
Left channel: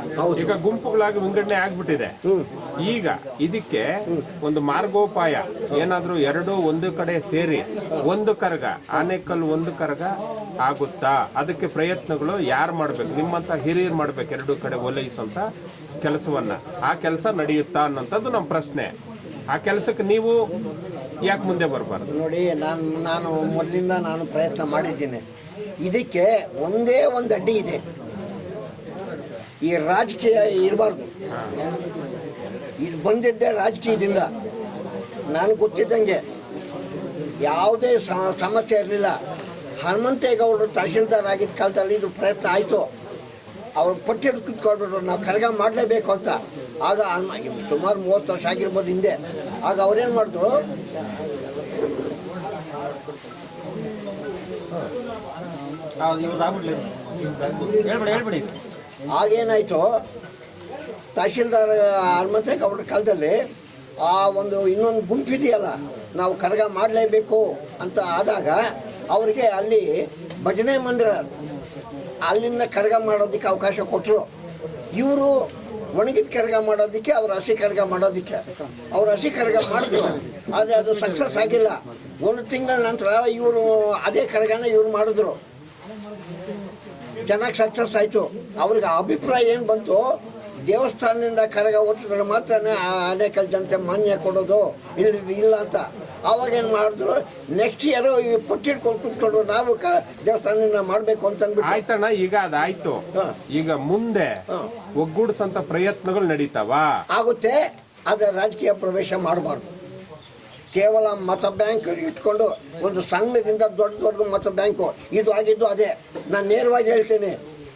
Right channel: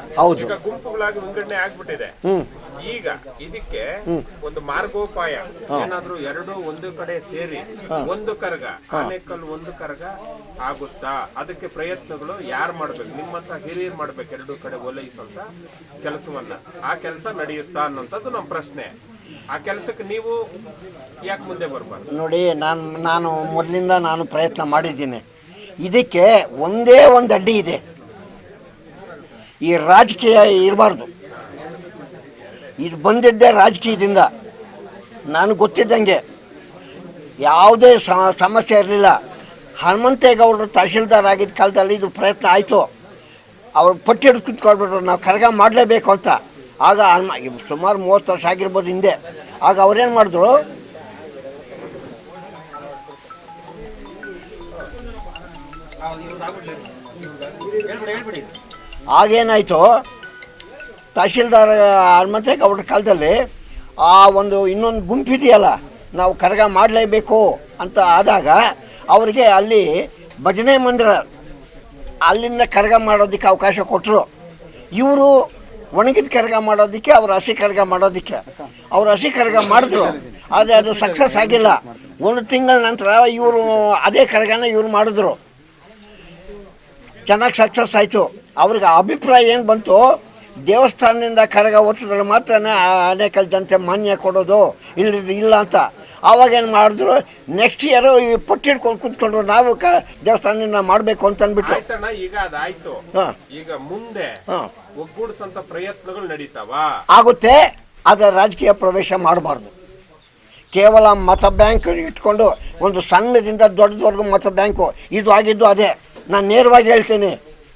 ಈಗ ಗುಂಪುಗಳಾಗಿ ವಿಂಗಡಣೆ ಆಗ್ಬಿಟ್ಟಿದೆ. ಈಗ ಇದಕ್ಕೆ ಒಂದು ಮಾರ್ಗೋಪಾಯ ಏನಾದ್ರೂ ಎರಡು ಒಂದು ಕಡೆ ಸೇರಿ ಒಂದು ಕರಗ ಆನೆಕಲ್ ಒಂದು ಕರಗ ಆಗುತ್ತಾ? ಅದಕ್ಕೆ ಪ್ರಯತ್ನಗಳು ಯಾರು ಮಾಡ್ಬೇಕು? ನಿಮ್ಮಂತ ಹಿರಿಯರು ಮಾಡ್ಬೇಕು ಎರಡು ಕಡೆ ಓಲೈಸುವಂತ ಕೆಲಸವನ್ನ. ಆ ಕೆಲಸ ನಡೆಯುತ್ತಾ ಅನ್ನೋಂಥದ್ದು ನಮ್ಮ ಪ್ರಶ್ನೆ. ಆ ಕೆಲಸಕ್ಕೆ ನೀವು ಯಾಕೆ ಮುಂದೆ ಬರ್ಬಾರ್ದು? ನೋಡಿ ನಾನು ನಾನು ಮೊದಲಿಂದ ನಾನು ಪ್ರಯತ್ನ ಮಾಡಿದ್ದೀನಿ. ಇದಕ್ಕೆ ಒಂದೇ ಒಂದು ಅಡ್ಡಿ ಇದೆ. ಈ ರಾಜಕೀಯ ಇರಬಾರ್ದು. ಇದು ಬಂದಿದ್ದೇ ರಾಜಕೀಯದಿಂದ. ನಾನು ಗೊತ್ತಿದ್ದಂಗೆ ಯಾವುದೇ ಸಮಸ್ಯೆ ಇರಲಿಲ್ಲ. ಹನುಮಂತೇಗೌಡರು ತಹಶೀಲ್ದಾರ್ ಆಗಿದ್ದ ಕಾಲದಲ್ಲಿ ಇದು ಪ್ರಯತ್ನ ಆಯಿತು. ಅವ್ರು ಪಟ್ಟಿ ಹಿಡಿದು ಕುತ್ಕೊಳ್ಬಿಟ್ರು. ನಾವು ಕರಗ ಮಾಡಲೇಬೇಕು ಅಂತ. ಆಗ ಸುಮಾರು ಮೂವತ್ತು ವರ್ಷ ಆಗಿರ್ಬೋದು ಹಿಂದೆ. ಆಗ ಅವ್ರೇನು ಮಾಡಿದ್ರು? ಆಗೇನಾಯಿತು ತಹಶೀಲ್ದಾರ್ ಅವ್ರ ಕಾಲದಲ್ಲಿ ಆ ಒಂದು ಇನ್ನೊಂದು ಗುಂಪಿದೆಯಲ್ಲ ನಾವು ಕರಗ ಮಾಡಲೇಬೇಕು ಅಂತ ಆದಾಗ ಅವರಿಗೆ ಅಲ್ಲಿ ಭಜನೆ ಮಂದಿರ, ಅಲ್ಲಿಂದ ಕರಗ ಮಾಡೋದಕ್ಕೆ ಅವಕಾಶ ಕೊಟ್ಟರು ಇವರು ಒಣಗಿದ ಕರಗ ಮಾಡೋದಕ್ಕೆ, ಅವ್ರು ಹಸಿ ಕರಗ ಮಾಡೋದಕ್ಕೆ. ಅವ್ರು ಹಸಿ ಕರಗ ಮಾಡಿದ್ರು, ಆದರೆ ಅದು ಸಕ್ಸಸ್ ಆಗಿಲ್ಲ. ಒಂದು ತಿಂಗಳ ನಂತರ ಇವರು ಅದೇ ಕರಗನ ಇವರು ಮಾಡಿದ್ರು. ಚೆನ್ನಾಗಿ ಸಕ್ಸಸ್ ಆಯಿತು. ಅವ್ರಿಗೆ ಅಭಿಪ್ರಾಯ ಏನು ಬಂತು? ದೇವಸ್ಥಾನದಿಂದ ಕರಗ ಒತ್ತಿದ್ರೆ ಮಾತ್ರ ಅನೇಕಲ್ ಜನತೆ ಮಾನ್ಯ ಕೊಡೋದು ಇಲ್ಲಿ ಇಲ್ಲ ಅಂತ. ಆವಾಗೇನು ಮಾಡಿದ್ರು? ನೆಕ್ಸ್ಟ್ ಇಯರು ಈ ಪಟ್ಟಿಡ್ಕೊಂಡು ಕುತ್ಕೊಂಡ್ರು ನಾವು ಕ ದೇವಸ್ಥಾನದಿಂದ ಮಾಡಬೇಕು ಅಂತ ಅಂದ್ಬಿಟ್ಟು ಆಯ್ತಣ್ಣ ಈಗ ಅದಾಯ್ತು. ಈಗ ಮುಂದೆ ಒಗ್ಗೂಡಿಸಂತ ಒಗ್ಗೂಡ್ಸಂತ ಪ್ರಯತ್ನಗಳು ನಡೀತಾವ? ಆಗುತ್ತೆ ಅದರ ರಾಜಕೀಯ ಪ್ರವೇಶ ಮಾಡಬಾರ್ದು. ಕೇವಲ ಮತ ಬ್ಯಾಂಕ್ ಇಟ್ಕೊಂಡು ಒಂದು ಸಣ್ಣದಿಂದ ದೊಡ್ಡದವರೆಗೂ ಮತ ಬ್ಯಾಂಕು ಇದು ಆಗಿದ್ದು ಅದೇ. ನಾನು ನೇರವಾಗಿ ಹೇಳ್ತೀನಿ